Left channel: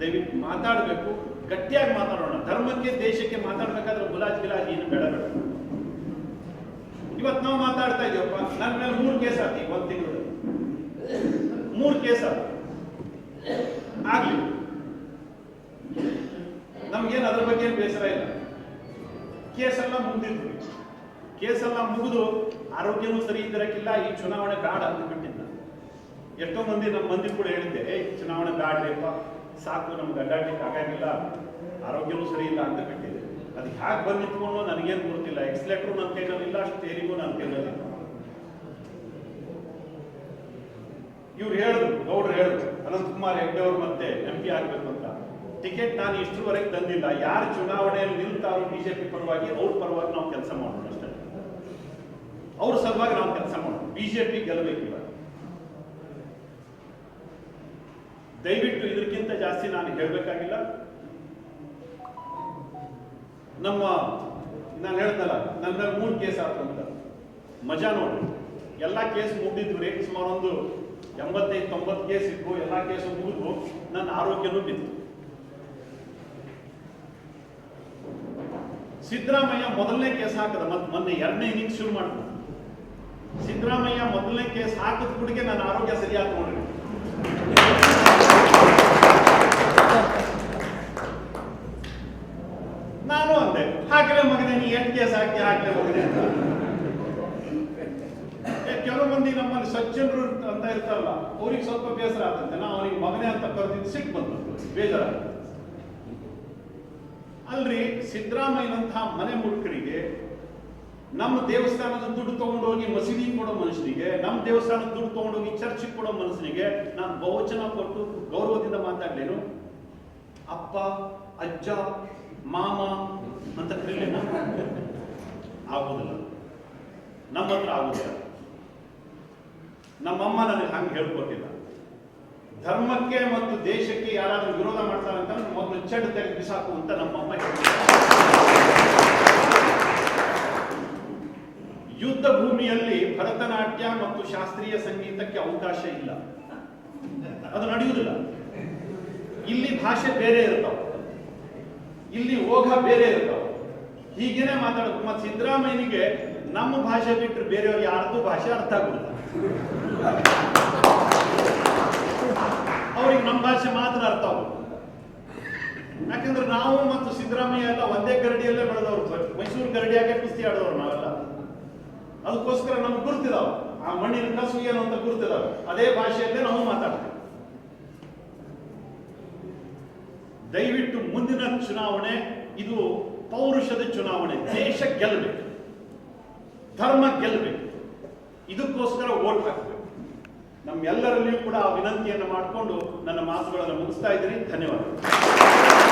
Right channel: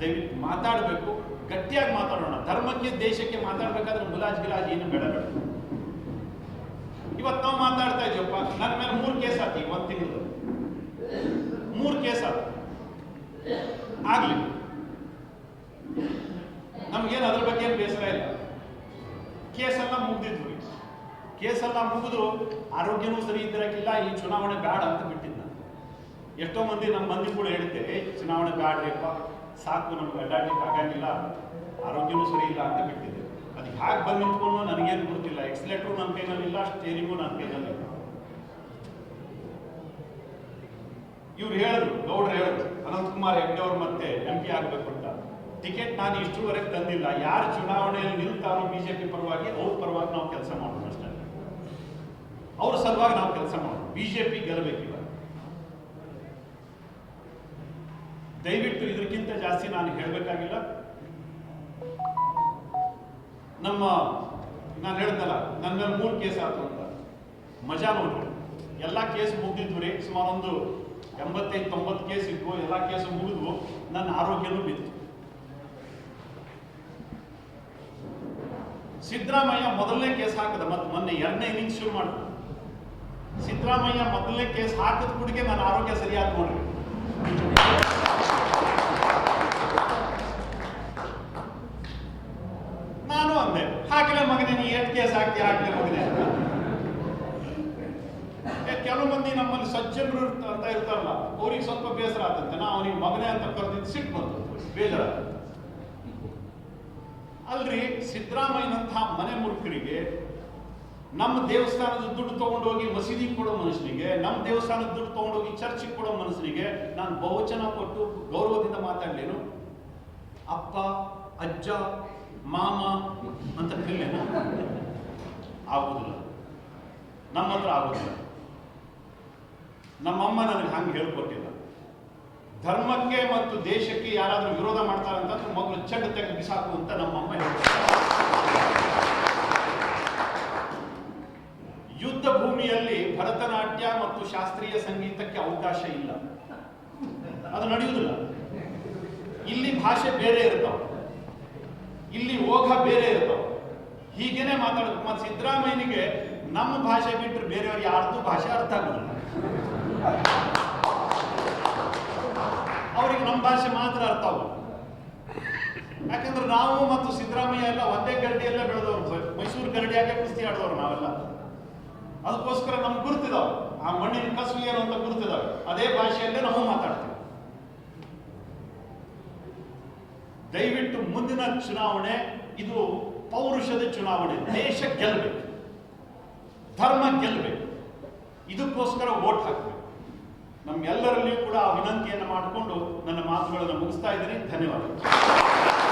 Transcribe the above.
ದಯವಿಟ್ಟು ಮಾತಾಡಬೇಕು, ಗಟ್ಟಿಯಾಗಿ ಮಾತಾಡೋಣ. ಧರ್ಮಕ್ಕೆ, ದೇಶಕ್ಕೆ ಮಾತಾಡ್ಬೇಕಾದ್ರೆ ಗುಲಾಜ್ ಗಿಲಾಜ್ ಏನು ಬೇಡ ಬೇಡ. ಇವತ್ತು ನಾವು ಮಾತಾಡ್ತಾ ಇದೀವಪ್ಪ ನನ್ನ ಮೇಲೆ ಮೂರು ಕೇಸ್ ಆತಿ ಒಂದು ತಿಂಗಳು ಮೂರು ಕೇಸ್ ಆತ. ಆಗ್ಲಿ. ನಮ್ಗೇನು ಅದ್ರ ಬಗ್ಗೆ ಏನು ಬೇಸರ ಇಲ್ಲ. ಕೇಸೆಲ್ಲ ಮುಗ್ದಿದ್ವಿ. ಕೇಸೆಲ್ಲ ಮುಗಿದು ಆರೋಗ್ಯನೂ ಸರಿ ಇದ್ದಿರಕ್ಕಿಲ್ಲ, ಈ ಚುನಾವಣೆ ಬೇಡ ಅಂತ ಬಿಟ್ಟಿದ್ದ. ಎಷ್ಟೋ ಮಂದಿ ನಮ್ಮ ಮಂದಿ ಕೂಡ ಹೇಳಿದ್ದೆ ಚುನಾವಣೆ ಬ್ಯಾಡ್ರಿಪ್ಪ ಸಾಕು, ನಮ್ಗೆ ಅಡ್ಡಾಡ್ಲಿಕ್ಕೆ ಆಗಂಗಿಲ್ಲ. ಆರೋಗ್ಯನೂ ಸರಿ ಇಲ್ಲ ಅಂತ ಕಟ್ಟಿದೆ ಅದು ಹ್ಯಾಕ್ ಬಂದು ನಿಂತ್ಕೊಂಡು ನನಗೇನು ಗೊತ್ತಿಲ್ಲ. ಎಕ್ಸ್ಲೆಟ್ರು ನನ್ನ ಅಷ್ಟು ಸ್ಟೇರಿಂಗು ನನ್ನ ಕೈನಲ್ಲಿಲ್ಲ ಇವ್ರು ಹೇಳಿದ್ರು, ಗೌಡ್ರು ಹೇಳಿದ್ರು ಅನಂತಕುಮಾರ್ ಹೆಗ್ಡೆ ಅವ್ರು ಮತ್ತೆ ಎಂ ಪಿ ಆಗ್ಬೇಕು ಅಂತ. ಟಿಕೆಟ್ ನಾನು ಇಷ್ಟರವರೆಗೆ ತಂದಿಲ್ಲ. ಯಾರು ಚುನಾವಣೆಯಲ್ಲಿ ನಿಲ್ತಾರೋ ಬಿಜೆಪಿ ಪರವಾಗಿ, ಅವ್ರ ಪರವಾಗಿ ನಾವು ಕೆಲಸ ಮಾಡೋಣ ಅಷ್ಟೇ. ಅವ್ರ ಸಲುವಾಗಿ ನಾವು ಕೆಲಸ ಮಾಡೋಣ ಬಿಜೆಪಿ ಗೆಲ್ಲಬೇಕು ಇವಾಗ. ದಯವಿಟ್ಟು ಇದಕ್ಕಿಂತ ಜಾಸ್ತಿ ನಾನು ಹೇಳಬೇಕಾಗಿಲ್ಲ. ನಮ್ಮ, ನಾನು ಹೇಳ್ದಲ್ಲ ಮೇಲೆ ಮೂರು ಕೇಸ್ ಆಯ್ತು ಅಂತ. ಮಜಾ ನೋಡ್ರಿ. ಎಲ್ಲ ಕೇಸ್ ಮುಗ್ದಿದ್ವು ರೀ, ಸುಮಾರು ಒಂದು ಎಂಬತ್ತೈದು, ತೊಂಬತ್ತು ಕೇಸ್ ಇದ್ವು, ಎಲ್ಲ ಕೇಸು ಮುಗಿದ್ವು, ನನ್ನ ಆರೋಗ್ಯನೂ ಬಿತ್ತು. ಸಿದ್ದರಾಮಯ್ಯ ಮೊದಲನೇ ಕೇಸ್ ಹಾಕದ ಮತ್ತೆ ಮೊನ್ನೆ ಎರಡನೇ ಇನ್ನಿಂಗ್ ಶುರು ಮಾಡಿದ. ಸಿದ್ದರಾಮಯ್ಯ ಮೊದಲನೇ ಕೇಸ್ ಹಾಕಿದ ಕೂಡಗೆ ನನ್ನ ಆರೋಗ್ಯ ಸರಿಯಾಗಿ ನೋಡ್ರಿ ನಾನು ಅಂದೆ ಹಾಕಲೇ ಮಗನೇ ನೀ ಮಗನೇ ಅಂತ. ಕೆಲವು ಮಂದಿ ನಮ್ಮಲ್ಲಿ ಸಜ್ಜನರು ಅಂತ ಇರ್ತಾರಲ್ಲ, ಅವ್ರಿಗೆ ಸ್ವಲ್ಪ ಬೇಸರ ಆತಂತೆ ನಾ ಅವನಿಗೆ ಮಗನೇ ಅಂತ ಕರೆದಿದ್ದು ಸಿಟ್ಟು ಬಂತು. ಬೇಜಾರ. ಅಲ್ರಿ ಸಿದ್ದರಾಮಯ್ಯನಂತಹ ಮನೆ ಮುರುಕರಿಗೆ ನಮ್ಮ ದೇವಸ್ಥಾನದ ದುಡ್ಡು ತಗೊಂಡೋಗಿ ಮಸೀದಿ ಕೊಡೋ ಮನುಷ್ಯನಿಗೆ, ನಮ್ಮ ದೇವಸ್ಥಾನದ ದುಡ್ಡು ತಗೊಂಡೋಗಿ ಚರ್ಚಿಗೆ ಕೊಡೋ ಮನುಷ್ಯನಿಗೆ ನಾನು ಬಹುಚನ ಕೊಟ್ಟು ಗೌರವದಿಂದ ಮಾತಾಡ್ಲೇನು? ಅಪ್ಪ, ಅಜ್ಜ, ಮಾಮ ಅಂತ ಕರೀಲೇನು? ಆಗುದಿಲ್ಲ. ನಮ್ಮ ಹತ್ರ ಆಗುದಿಲ್ಲ. ನಮ್ಮಮ್ಮ ನನಗೆ ಹಂಗೆ ಹೇಳ್ಕೊಟ್ಟಿಲ್ಲ. ಧರ್ಮಕ್ಕೆ ಮತ್ತು ದೇಶಕ್ಕೆ ಯಾರಾದರೂ ವಿರೋಧ ಮಾಡ್ತಾರೆ ಅಂತಂದ್ರೆ ಮೊದಲು ಚೆಡ್ ತೆಗೆದು ಬಿಸಾಕು ಅಂತ ನಮ್ಮಮ್ಮ. ಯುದ್ಧ ಭೂಮಿಯಲ್ಲಿ ಭರತನಾಟ್ಯ ಮತ್ತು ಶಾಸ್ತ್ರೀಯ ಸಂಗೀತಕ್ಕೆ ಅವಕಾಶ ಇಲ್ಲ. ಅದು ನಡೆಯುವುದಿಲ್ಲ. ಇಲ್ಲಿ ಭಾಷೆ ಬೇರೆ ಇರ್ತಾವ. ಇಲ್ಲಿ ಓಘ ಬೇರೆ ಇರ್ತಾವ. ಹೀಗೇನೆ ಮಾತಾಡೋದು. ಮತ್ತೆ ಸಿದ್ದರಾಮಯ್ಯನಿಗೆ ನಮ್ಮ ಭಾಷೆ ಬಿಟ್ಟರೆ ಬೇರೆಯವ್ರು ಯಾರ್ದು ಭಾಷೆ ಅರ್ಥ ಆಗುದಿಲ್ಲ. ಅವ್ರಿಗೆ ನಮ್ಮ ಭಾಷೆ ಮಾತ್ರ ಅರ್ಥ ಆಗುತ್ತೆ ಯಾಕಂದ್ರೆ ನಾವು ಮತ್ತು ಸಿದ್ದರಾಮಯ್ಯ ಎಲ್ಲ ಒಂದೇ ಗರಡಿಯಲ್ಲೇ ಬೆಳೆದವ್ರು. ಮೈಸೂರು ಗರಡಿಯಾಗೆ ಕುಸ್ತಿ ಆಡದವ್ರು ನಾವೆಲ್ಲ. ಅದಕ್ಕೋಸ್ಕರ ನಮ್ಗೆ ಗುರ್ತಿದಾವ. ಆ ಮಣ್ಣಿನ ಕಸು ಏನು ಅಂತ ಗುರ್ತಿದಾವೆ. ಅದೇ ಭಾಷೆಯಲ್ಲೇ ನಾವು ಮಾತಾಡ್ತೀವಿ. ದಯವಿಟ್ಟು ಮುಂದಿನ ಚುನಾವಣೆ ಇದು ಪೌರುಷದ ಚುನಾವಣೆ, ದೇಶ ಗೆಲ್ಲಬೇಕು ಧರ್ಮ ಗೆಲ್ಲಬೇಕು ಇದಕ್ಕೋಸ್ಕರ ವೋಟ್ ಹಾಕಬೇಕು. ನಮ್ಮೆಲ್ಲರಲ್ಲಿಯೂ ಕೂಡ ಆ ವಿನಂತಿಯನ್ನು ಮಾಡಿಕೊಂಡು ನನ್ನ ಮಾತುಗಳನ್ನು ಮುಗಿಸ್ತಾ ಇದ್ದೀನಿ. ಧನ್ಯವಾದಗಳು.